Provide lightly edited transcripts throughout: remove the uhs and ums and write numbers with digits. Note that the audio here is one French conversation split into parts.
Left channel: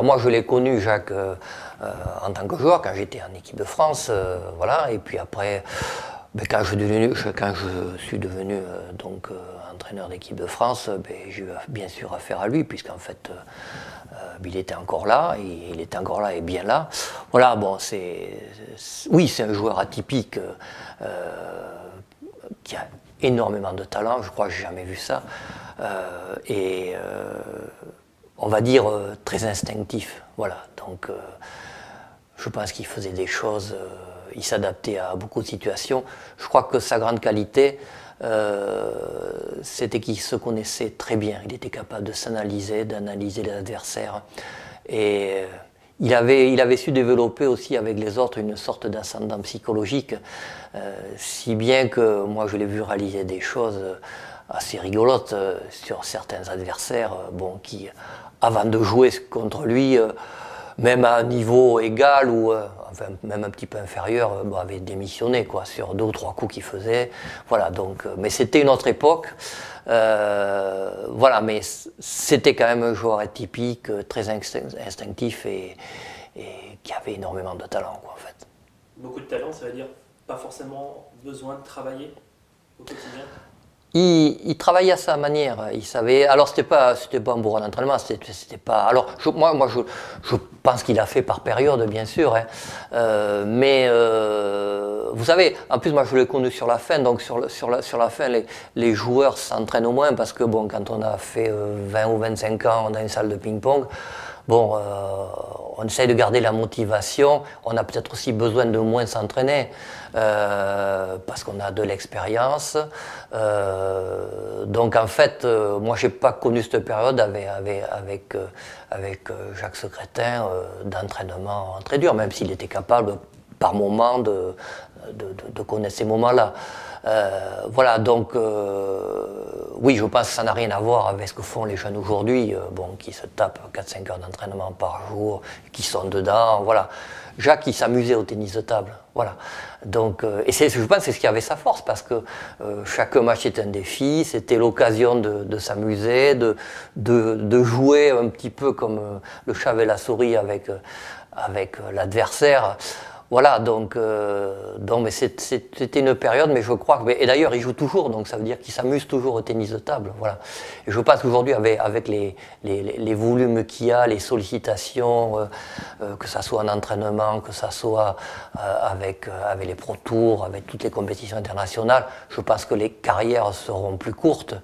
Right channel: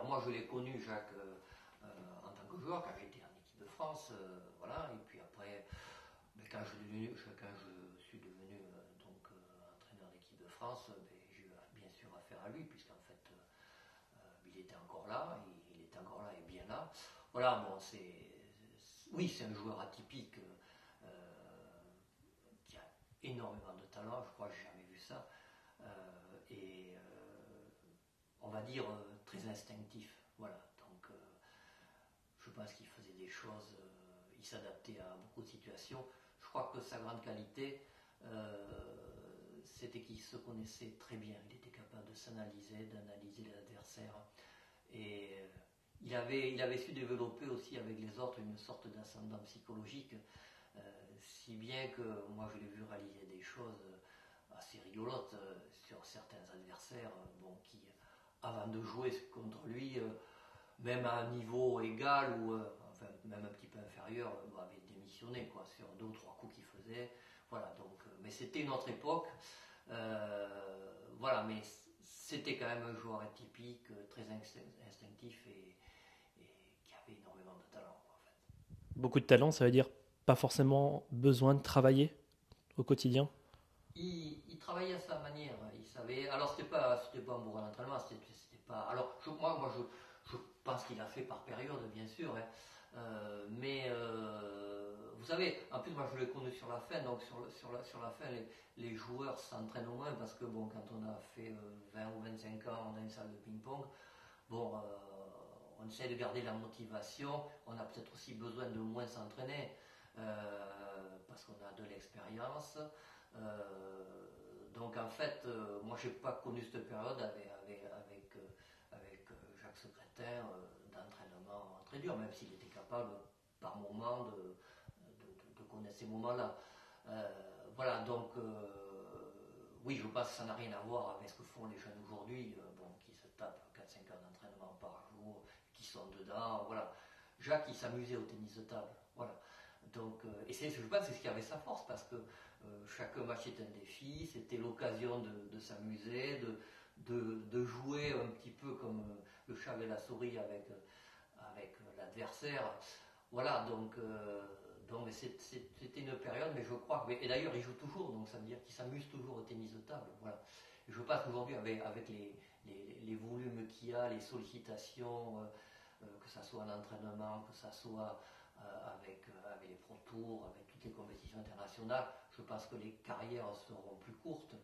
Alors moi, je l'ai connu, Jacques, en tant que joueur, quand j'étais en équipe de France, voilà. Et puis après, ben, quand je suis devenu donc, entraîneur d'équipe de France, ben, j'ai eu bien sûr affaire à lui, puisqu'en fait, il était encore là, et il était encore là et bien là. Voilà, bon, oui, c'est un joueur atypique qui a énormément de talent, je crois que j'ai jamais vu ça. Et on va dire très instinctif. Voilà. Donc je pense qu'il faisait des choses, il s'adaptait à beaucoup de situations. Je crois que sa grande qualité, c'était qu'il se connaissait très bien. Il était capable de s'analyser, d'analyser les adversaires. Et il avait su développer aussi avec les autres une sorte d'ascendant psychologique, si bien que moi je l'ai vu réaliser des choses assez rigolotes sur certains adversaires qui, avant de jouer contre lui, même à un niveau égal ou enfin, même un petit peu inférieur, avait démissionné quoi, sur 2 ou 3 coups qu'il faisait. Voilà, donc, mais c'était une autre époque. Voilà, mais c'était quand même un joueur atypique, très instinctif et qui avait énormément de talent, quoi, en fait. Beaucoup de talent, ça veut dire pas forcément besoin de travailler au quotidien? Il travaillait à sa manière. Il savait. Alors c'était pas un bourrin d'entraînement. C'était pas. Alors je pense qu'il a fait par période, bien sûr. Hein. Mais vous savez, en plus moi je l'ai connu sur la fin. Donc sur la fin, les joueurs s'entraînent au moins parce que bon, quand on a fait 20 ou 25 ans dans une salle de ping-pong, bon, on essaye de garder la motivation. On a peut-être aussi besoin de moins s'entraîner parce qu'on a de l'expérience. Donc en fait, moi j'ai pas connu cette période avec Jacques Secrétin d'entraînement très dur, même s'il était capable par moment de connaître ces moments-là. Voilà, donc oui, je pense que ça n'a rien à voir avec ce que font les jeunes aujourd'hui, qui se tapent 4-5 heures d'entraînement par jour, qui sont dedans, voilà. Jacques, il s'amusait au tennis de table, voilà. Donc, et je pense que c'est ce qui avait sa force, parce que chaque match était un défi, c'était l'occasion de s'amuser, de jouer un petit peu comme le chat et la souris avec l'adversaire. Voilà, donc mais c'était une période, mais je crois que. Et d'ailleurs, il joue toujours, donc ça veut dire qu'il s'amuse toujours au tennis de table. Voilà. Et je pense qu'aujourd'hui, avec les volumes qu'il y a, les sollicitations, que ça soit en entraînement, que ça soit avec les Pro Tours, avec toutes les compétitions internationales, je pense que les carrières seront plus courtes.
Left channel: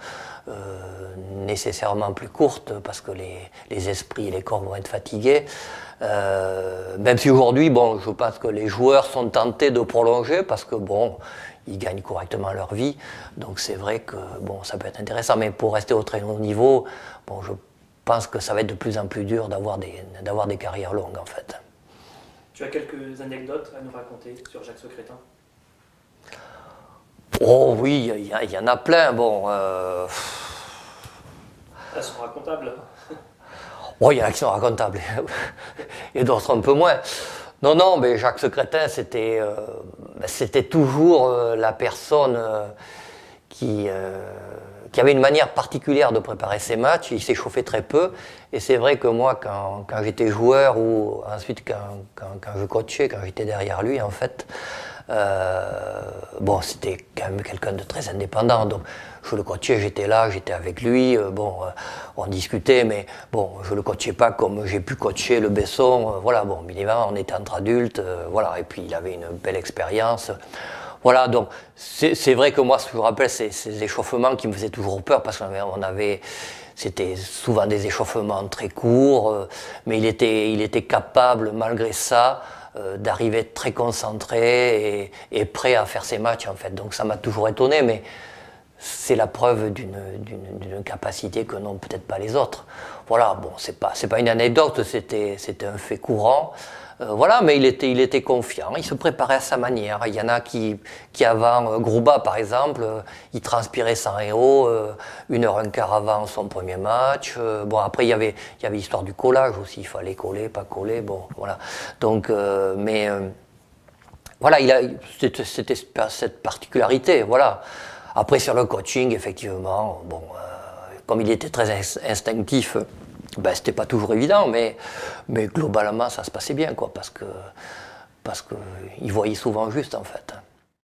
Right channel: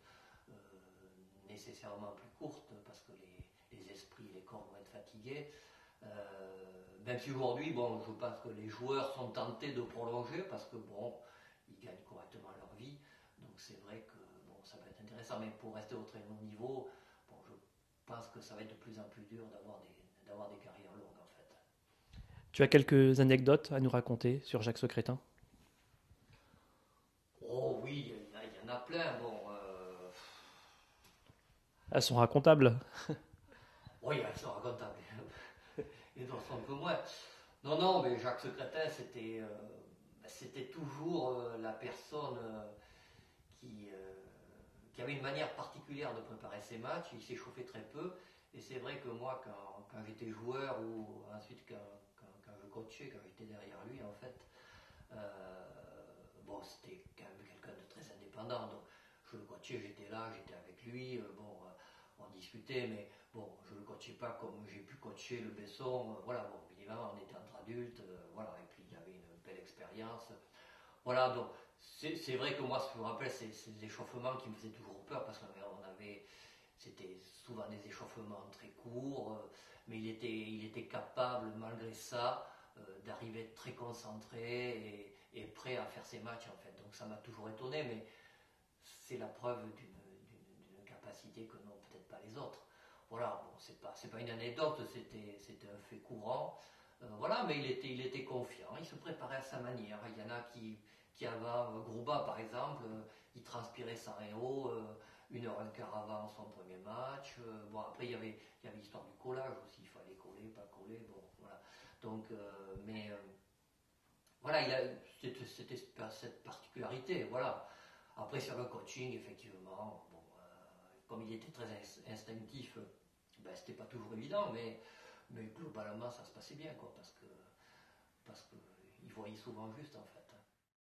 Nécessairement plus courtes, parce que les esprits et les corps vont être fatigués. Même si aujourd'hui, je pense que les joueurs sont tentés de prolonger parce que ils gagnent correctement leur vie. Donc c'est vrai que ça peut être intéressant. Mais pour rester au très haut niveau, je pense que ça va être de plus en plus dur d'avoir des carrières longues, en fait. Tu as quelques anecdotes à nous raconter sur Jacques Secrétin? Oh oui, il y en a plein. Elles sont racontables. Oh, il y en a qui sont racontables, et d'autres un peu moins. Non, mais Jacques Secrétin, c'était toujours la personne qui avait une manière particulière de préparer ses matchs. Il s'échauffait très peu. Et c'est vrai que moi, quand j'étais joueur, ou ensuite quand je coachais, quand j'étais derrière lui, en fait, c'était quand même quelqu'un de très indépendant. Donc, je le coachais, j'étais là, j'étais avec lui, on discutait, mais je le coachais pas comme j'ai pu coacher le Besson, voilà, évidemment, on était entre adultes, voilà, et puis il avait une belle expérience. Voilà, donc c'est vrai que moi, je me rappelle ces échauffements qui me faisaient toujours peur, parce c'était souvent des échauffements très courts, mais il était capable, malgré ça, d'arriver très concentré et prêt à faire ses matchs, en fait. Donc ça m'a toujours étonné, mais c'est la preuve d'une capacité que n'ont peut-être pas les autres. Voilà, c'est pas une anecdote, c'était un fait courant. Voilà, mais il était confiant, il se préparait à sa manière. Il y en a qui avant, Grouba par exemple, il transpirait sans héros 1h15 avant son premier match. Après il y avait l'histoire du collage aussi, il fallait coller, pas coller, voilà. Donc, voilà, c'était cette particularité, voilà. Après sur le coaching, effectivement, comme il était très instinctif, Ben, c'était pas toujours évident, mais globalement, ça se passait bien, quoi, parce que il voyait souvent juste, en fait.